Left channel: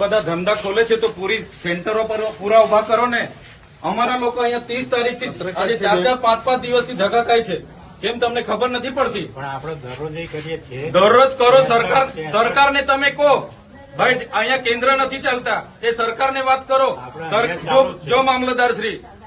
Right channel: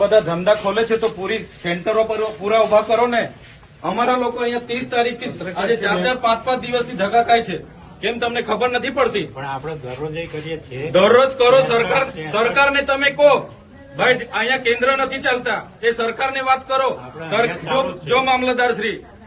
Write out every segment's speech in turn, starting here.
બધા ધંધા ખોલે છે તો પૂરી સેન્ટરો પર પૂરા ઉભા કરો ને અમારા લોકો અહીંયા ત્રીસ તારીખથી આજે ચાર ચાર પાંચ પાંચ દિવસથી ધગાકાય છે કેમ તમને ખબર નથી પડતી પણ આપણે દરરોજ કરીએ છીએ દરરોજ કરો સરકાર ને તમે કહો ભાઈ અહીંયા કેન્દ્ર નથી ચાલતા એ સરકાર ને વાત કરો જો મામલતદાર શ્રી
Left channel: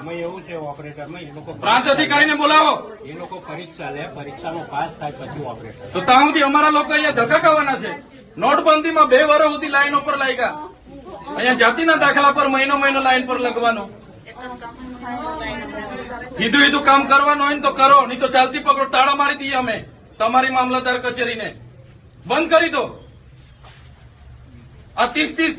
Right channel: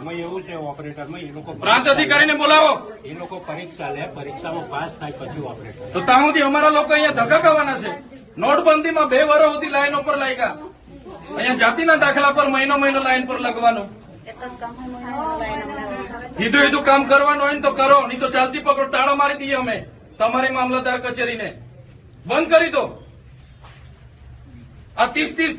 એમાં એવું છે ઓપરેટરમાં એ લોકો પ્રાંત અધિકારીને બોલાવો એ લોકો પરીક્ષા લે પરીક્ષાનો પાસ થાય પછી ઓપરેટર તો ત્યાં સુધી અમારા લોકો અહીંયા ધક્કા ખાવાના છે નોટબંધીમાં બે વર્ષ સુધી લાઈન ઉપર લાગ્યા અહીંયા જાતિના દાખલા પર મહિનો મહિનો લાઈન પર લગવાનો સીધું સીધું કામ કરવાનું હોય ને તો કરો નહીં તો ચાલતી પકડો તાળા મારી દઈએ અમે તમારી મામલતદાર કચેરીને બંધ કરી દો આ ત્રીસ ત્રીસ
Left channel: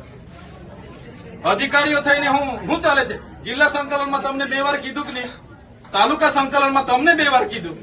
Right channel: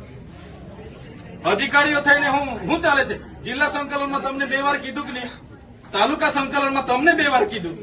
અધિકારીઓ થઈને હું શું ચાલે છે જિલ્લા સંકલનમાં તમને બે વાર કીધું કે તાલુકા સંકલનમાં તમને બે વાર કીધું